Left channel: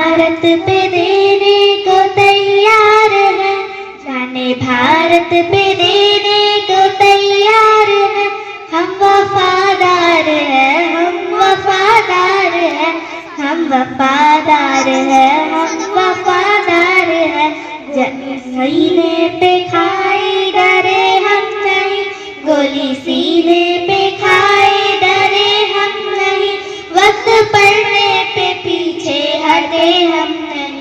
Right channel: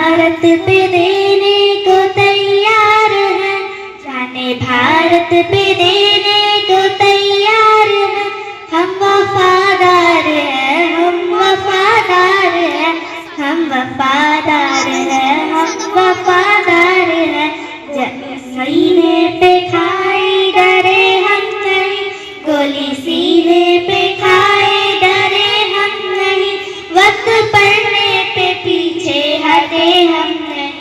भारत पे देने को तैयार है, जाने भारत पे देने को तैयार है। हम वफादार हैं, हम वफादार हैं, हम वफादार हैं, हम वफादार हैं। सीने पे खाई डरे हम नहीं, गोली सीने पे खाई डरे हम नहीं। वक्त पड़ने पे पीछे हटे हम नहीं,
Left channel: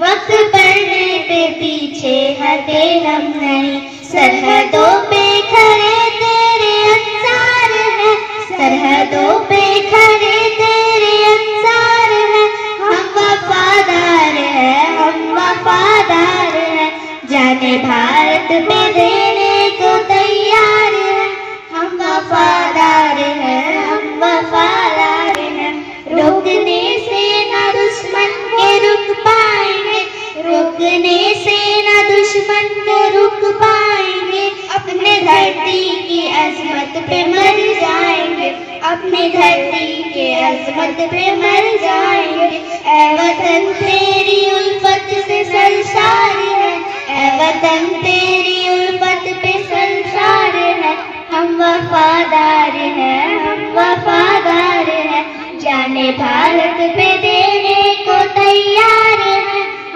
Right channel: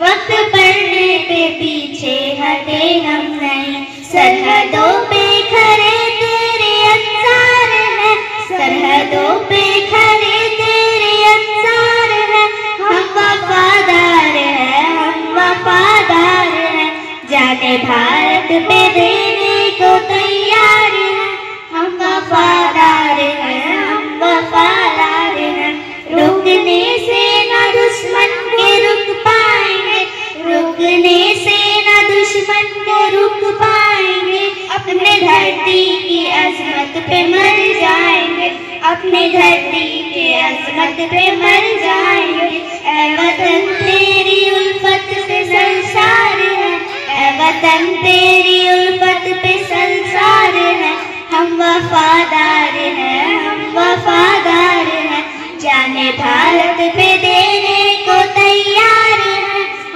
वक्त पड़ने पे पीछे हटे हम नहीं। सरहदों पे खड़े तेरे अंसार हैं, सरहदों पे खड़े तेरे अंसार हैं। हम वफादार हैं, हम वफादार हैं, जाने भारत पे देने को तैयार हैं। हम वफादार हैं, हम वफादार हैं। रुकने से न दुश्मन के रुक पाएंगे, रुकने से न दुश्मन के रुक पाएंगे। अपने धरती की अजमत पे मर जाएंगे, अपने धरती के अजमत पे मर जाएंगे। ऐ वतन तेरी उल्फत पे संसार है, ऐ वतन तेरी उल्फत पे संसार है। हम वफादार हैं, हम वफादार हैं, जाने भारत पे देने को तैयार हैं।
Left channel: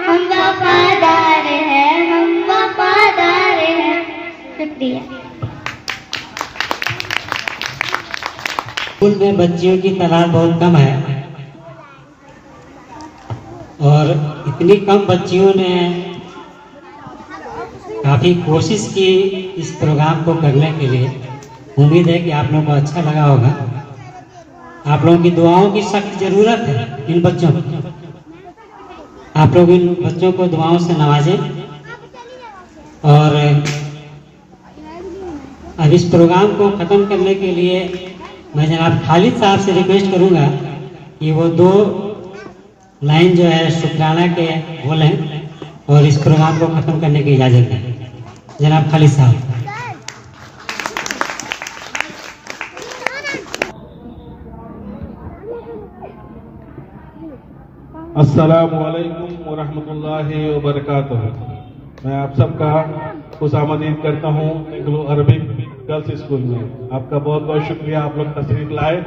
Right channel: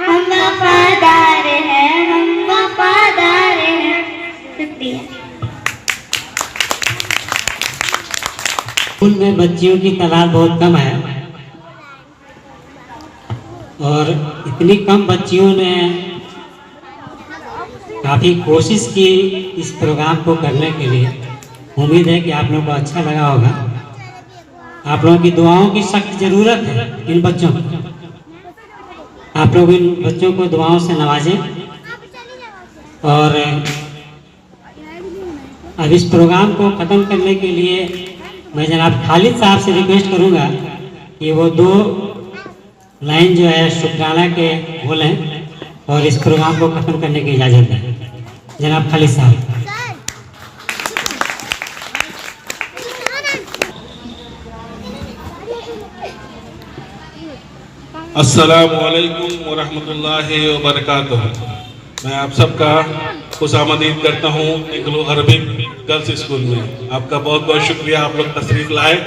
हम वफादार हैं, हम वफादार हैं। शुक्रिया। स्कूल में बच्चियों की तादाद बहुत कम है और इतनी कम बच्चियों ने काफ़ी कोशिश की इस प्रोग्राम को करने के लिए। उम्मीद है कि आप लोगों को अच्छा लगा होगा। आप लोगों की दुआओं की सख्त ज़रूरत है इन बच्चों को। आप लोग इन बच्चों को दुआओं से नवाजें। और अब इस प्रोग्राम को ख़त्म करने के लिए मैं जनाब खालिद साहब से रिक्वेस्ट करूंगा कि वो 2 लाइन जो है शुक्राना के बोलें और इस प्रोग्राम को ख़त्म करने की इजाज़त दें। जनाब खालिद साहब। अस्सलामुअलैकुम वरहमतुल्लाहि वबरकातुहू। मैं आप सबका खुशामदीद करता हूँ एंग्लो अरबिक गर्ल्स स्कूल में। आपका बहुत बहुत शुक्रिया, आप लोग तशरीफ लाए।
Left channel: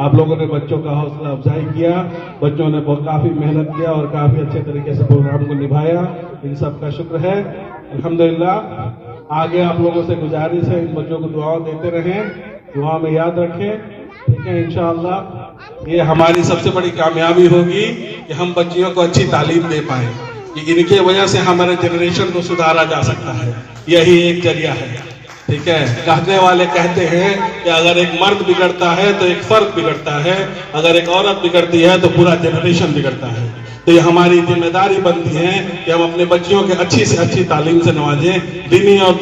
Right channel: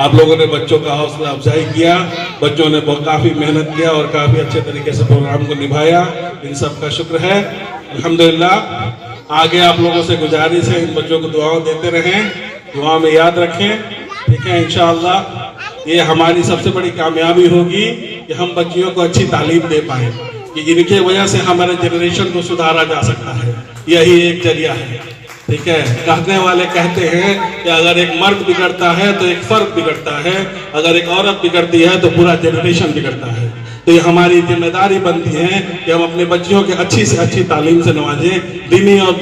आप लोगों ने बच्चों का हौसला अफजाई किया, बच्चों ने काफ़ी मेहनत किया और काफ़ी अच्छे तरीके से प्रोग्राम को निभाया। इन सब का शुक्र है, अल्हम्दुलिल्लाह। आगे आप लोगों से गुजारिश है, इन बच्चों को दुआओं देते रहें, दुआ में याद रखें, ठीक है। इंशाअल्लाह ये हमारी सबसे बड़ी कामयाबी होगी कि हम बच्चियों को अच्छी तालीम दे पाएँ, कि इनके वजह से हमारे जनरेशन को सुधारा जा सकता है। यही एक जरिया है, ठीक है। कहने वाले कहते हैं कि अगर एक मर्द बिगड़ता है तो एक फर्द बिगड़ता है, अगर एक औरत बिगड़ती है तो पूरा जनरेशन बिगड़ता है। तो ये हमारी जिम्मेदारी बनती है कि हम अपने बच्चियों के अच्छी से अच्छी तालीम से नवाजें, दीनी और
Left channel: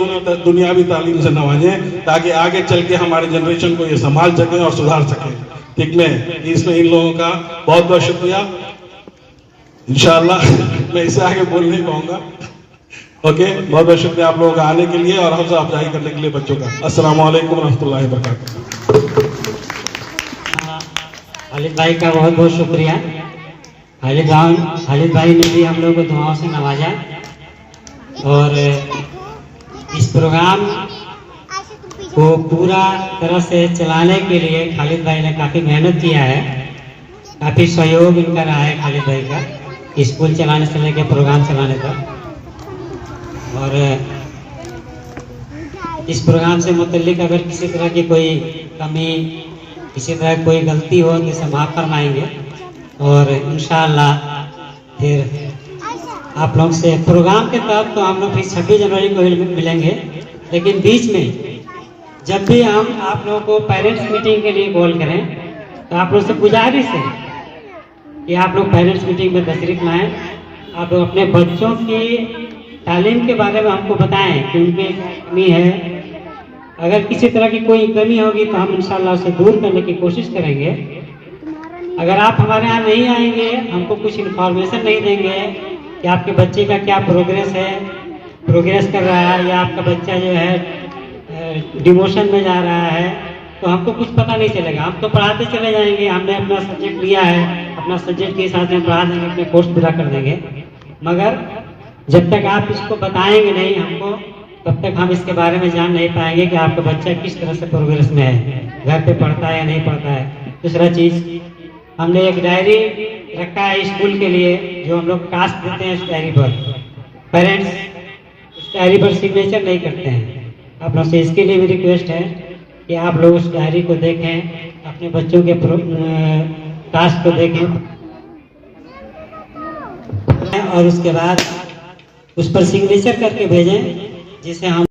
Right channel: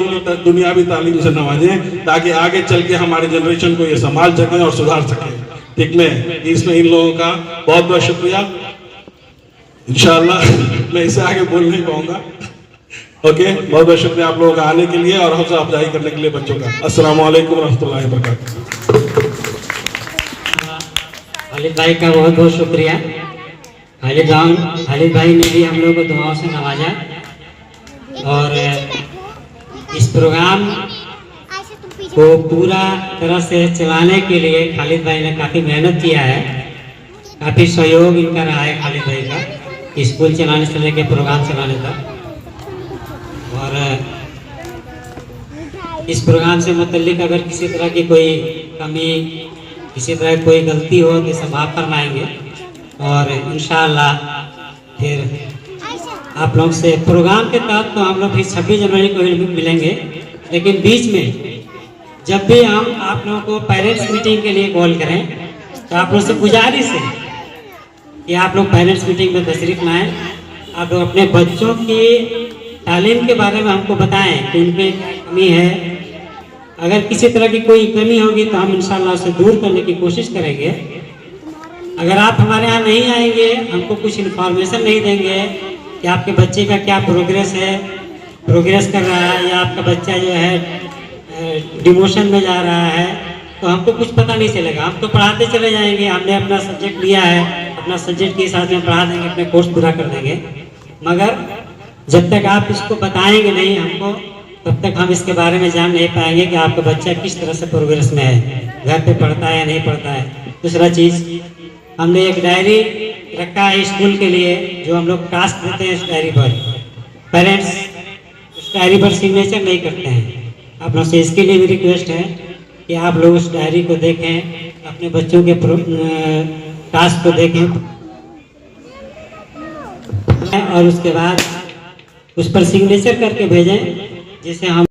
दुनियावी तालीम से नवाजें, ताकि आगे चल के हमारे जनरेशन को ये संभाल सकें और सुधार सकें, ठीक है। इसमें इन लोगों का बहुत बहुत शुक्रिया। इंशाअल्लाह मैं इससे आगे बोल नहीं पाऊंगा। ओके, बहुत बहुत शुक्रिया आप लोगों का आने के लिए और हौसला अफजाई करने के लिए बच्चों का। अस्सलाम वालेकुम रहमतुल्लाहि व बरकातहू। खालिद भाई का बहुत बहुत शुक्रिया। खालिद भाई ने भी हम लोगों को दुआओं से नवाजा और इस प्रोग्राम को पूरा तरह से चलाने के लिए खालिद भाई ने काफ़ी मेहनत किया है, काफ़ी सहयोग इनका रहा है खालिद भाई का, स्कूल चलाने से लेकर प्रोग्राम चलाने तक। और इस प्रोग्राम से मुतल्लिक अगर किसी तरह की कोई कमी, किसी तरह कोई गलती हो तो इसे माफ़ फरमाएंगे और इंशाअल्लाह फिर आप लोग से प्रोग्राम के तहत तो हम लोग फिर 26 जनवरी को मिलेंगे, लेकिन बीच में जब भी हम आप लोगों को पेरेंट्स मीटिंग के लिए कॉल करें तो आप लोग से गुजारिश है कि आप लोग पेरेंट्स मीटिंग में तशरीफ लाएँ। आप लोग अपने बच्चों की तालीम के बारे में हमको बताएं कि उनकी कमी है। अगर किसी तरह की कोई कमी होगी तो हम इंशाअल्लाह उसे दूर करने की कोशिश करेंगे। अगर आप हमारे यहाँ नहीं आएंगे, हमको कुछ इन्फॉर्मेशन नहीं देंगे कि आपके बच्चे का क्या प्रोग्रेस है, प्रोग्रेस कर रहा है या आपका बच्चा जो है डिमोशन में जा रहा है तो हमको कुछ पता नहीं चलेगा। हम तो पढ़ाते चले जाएंगे, हमने अपना सब्जेक्ट लिया है, अपना सब्जेक्ट के हिसाब से पढ़ा देंगे, अपने कोर्स पूरा कर देंगे। मगर जब तक आप इसको बताएंगे नहीं हमको, तब तक हम इसके बारे में जान नहीं पाएंगे कि आपका बच्चा किस तरह से प्रोग्रेस में है, घर पे पढ़ता है या नहीं पढ़ता है। दूसरा चीज़, हमने एक डायरी रखा है स्कूल के लिए, जो हम लोग टास्क देते हैं। इस डायरी पर पेरेंट्स उस डायरी पर सिग्नेचर नहीं करते हैं। आप लोग से इसके लिए भी रिक्वेस्ट है कि आप लोग उस डायरी को देखें, अपने बच्चों के टास्क को देखें और उसके बाद उस पर सिग्नेचर करके भेजें, जिससे हम